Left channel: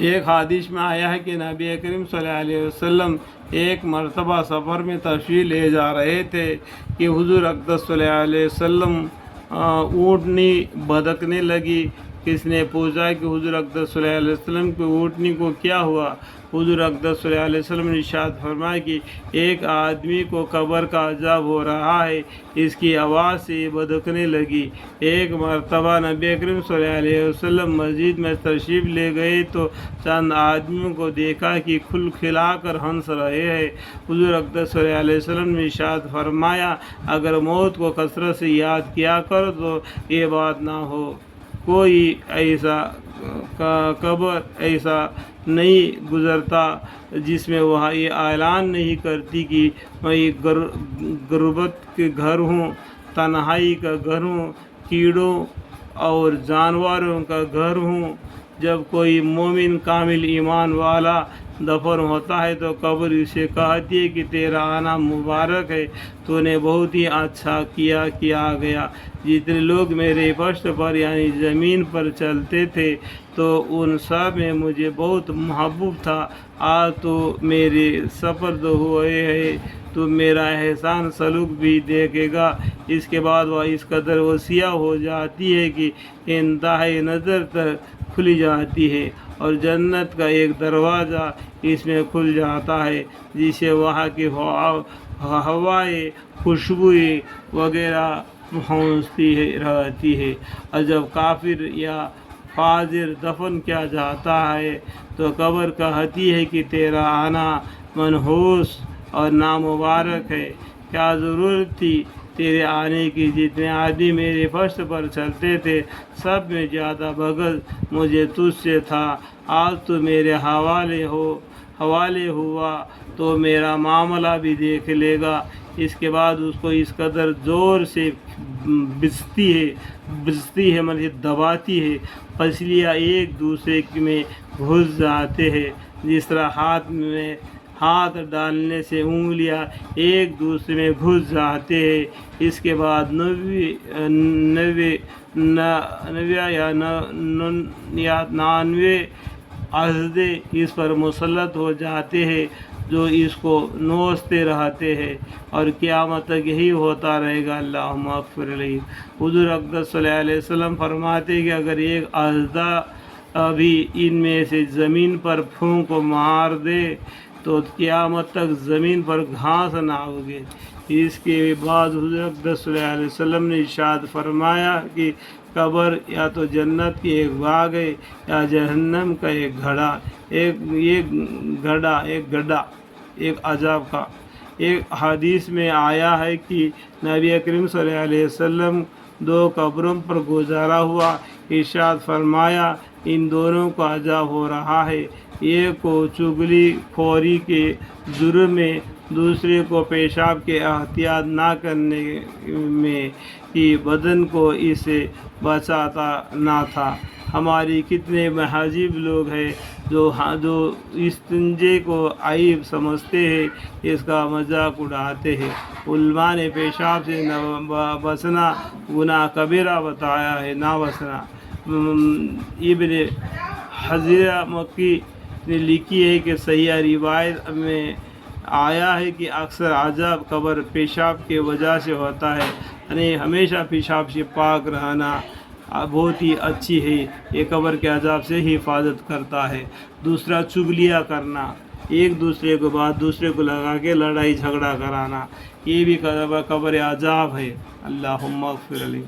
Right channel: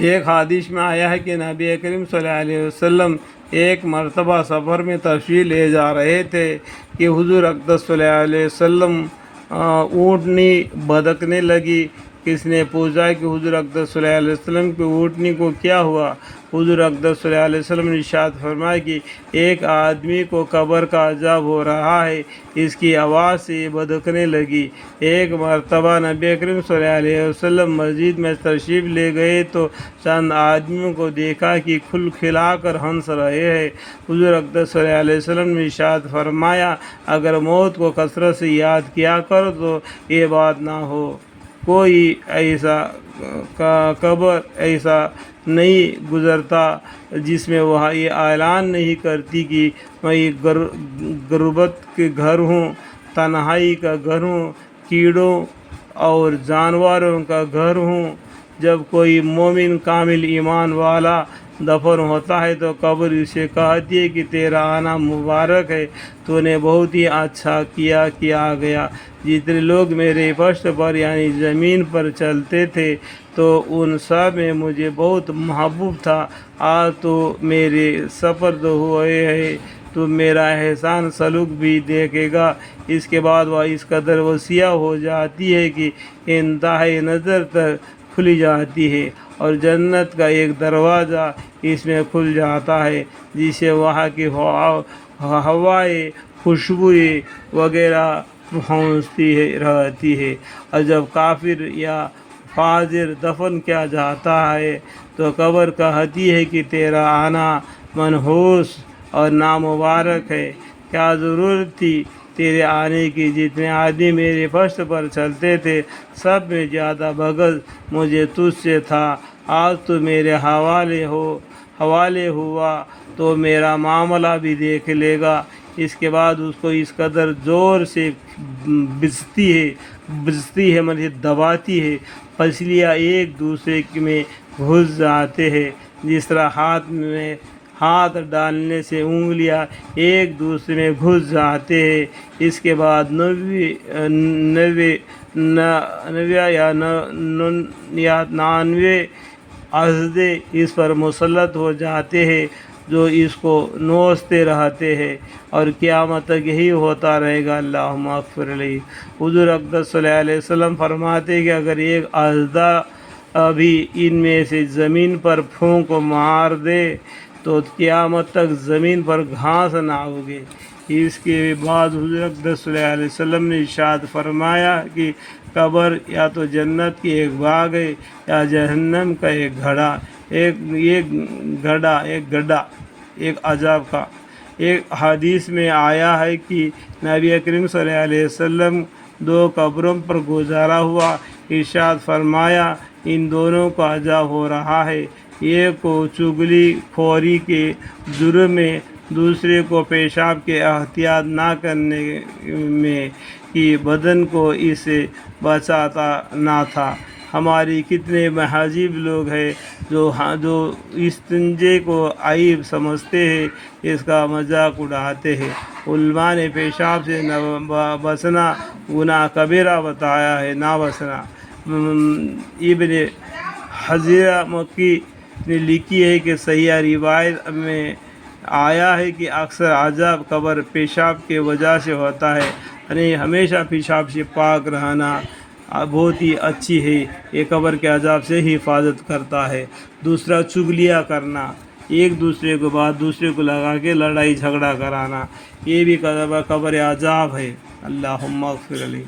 ایک حدیث میں آیا ہے کہ نبی کریم صلی اللہ علیہ وسلم ایک مرتبہ سفر میں تشریف لے جا رہے تھے کہ حضور اقدس صلی اللہ علیہ وسلم اونٹنی بھدکنے لگی۔ کس نے پوچھا کہ حضور اقدس صلی اللہ علیہ وسلم کی اونٹنی کو کیا ہوا؟ حضور اقدس صلی اللہ علیہ وسلم نے ارشاد فرمایا کہ ایک آدمی کو قبر کا عذاب ہو رہا ہے، اس کی آواز سے بھدکنے لگی۔ ایک مرتبہ نبی کریم صلی اللہ علیہ وسلم مسجد میں تشریف لے گئے تو چند آدمیوں کو دیکھا کہ کھل کھلا کر ہنس رہے ہیں۔ حضور اقدس صلی اللہ علیہ وسلم نے ارشاد فرمایا، اگر موت کو کثرت سے یاد کیا کر تو یہ بات نہ ہو۔ کوئی ایسا قبر ایسا نہیں گزرتا جس میں وہ یہ اعلان نہیں کرتی کہ میں غربت کے گھر ہوں، تنہائی کا گھر ہوں، کیڑوں اور جانوروں کا گھر ہوں۔ جب کوئی مومن کامل ایمان والا دفن ہوتا ہے تو قبر اسے کہتی ہے کہ تیرا آنا مبارک ہے، تو نے بہت ہی اچھا کیا گیا۔ جتنے لوگ میرے فرش پر یعنی زمین پر چلتے تھے تو ان سب میں مجھے بہت محبوب تھا، آج تو میرے سپرد ہوئے ہیں، تو میرا احسان سلوک بھی دیکھے گا۔ اس کے بعد وہ اس قدر وسیع ہو جاتی ہے کہ انتہائی نظر تک کھل جاتی ہے، اور جنت کا ایک دروازہ اس میں کھل جاتا ہے جسے وہاں کی ہوائیں، خوشبوئیں وغیرہ پہنچتی رہتی ہے۔ اور جب کافر یا فاجر دفن کیا جاتا ہے تو قبر کہتی ہے کہ تیرا آنا منحوس اور نامبارک ہے، کیا ضرورت تھی تیرے آنے کی؟ جتنے آدمی میرے فرش پر چلتے تھے سب میں زیادہ بغض مجھے تجھ سے تھا، آج تو میرے حوالے ہوا تو میرا معاملہ بھی دیکھ لے گا۔ اس کے بعد اس کو اس قدر زور سے بجتی ہے مطلب دباتی ہے، پسلیاں ایک دوسرے میں گھس جاتے ہیں، جس طرح ہاتھ میں ہاتھ ڈالنے سے انگلیاں ایک دوسرے میں گھس جاتے ہیں۔ اس کے بعد 99 یا 99 اژدھے اس پر مسلط ہو جاتے ہیں جو اس کو نوچتے رہتے ہیں، اور قیامت تک یہی ہوتا رہے گا۔ اللہم اغفر لی۔ حضور اقدس صلی اللہ علیہ وسلم فرماتے ہیں کہ اگر ایک اژدھا بھی ان میں سے زمین پر پھونک مار دے تو قیامت تک زمین پر گھاس نہ اگے۔ اس کے بعد حضور اقدس صلی اللہ علیہ وسلم نے ارشاد فرمایا کہ قبر یا تو جنت کی ایک باغ ہے یا جہنم کا ایک گڈھا، ایک عذاب کا۔ ایک حدیث میں آیا ہے کہ نبی کریم صلی اللہ علیہ وسلم 2 قبروں پر گزارا ہوا، ارشاد فرمایا ان دونوں کو عذاب ہو رہا ہے، ایک کو چغلی خوری کے جرم میں، دوسرے کو پیشاب کے احتیاط نہ کرنے میں کہ بدن کو اس سے بچاتا نہ تھا۔ ہماری کتنے مہذب لوگ ہیں جو استنجے کو عیب سمجھتے ہیں، اس کا مذاق اڑاتے ہیں۔ علماء نے پیشاب سے بچنا گناہ کبیرہ بتایا ہے، نہ بچنا۔ ابن حجر مکی نے لکھی ہے کہ صحیح روایت میں آیا ہے کہ اکثر عذاب قبر پیشاب کی وجہ سے ہوتا ہے، یعنی ہمیشہ پیشاب سے پاک رہنا بہت ہی اچھی ہے، یہ قبر کے عذاب سے ہی حفاظت کرتا ہے۔ دوسرا چغلیاں کرنا، ایک دوسرے کو بات دوسرے کو لگا کے لڑائی جھگڑا کرانا، یہ بھی قبر عذاب ہے۔ اللہم اغفر لی۔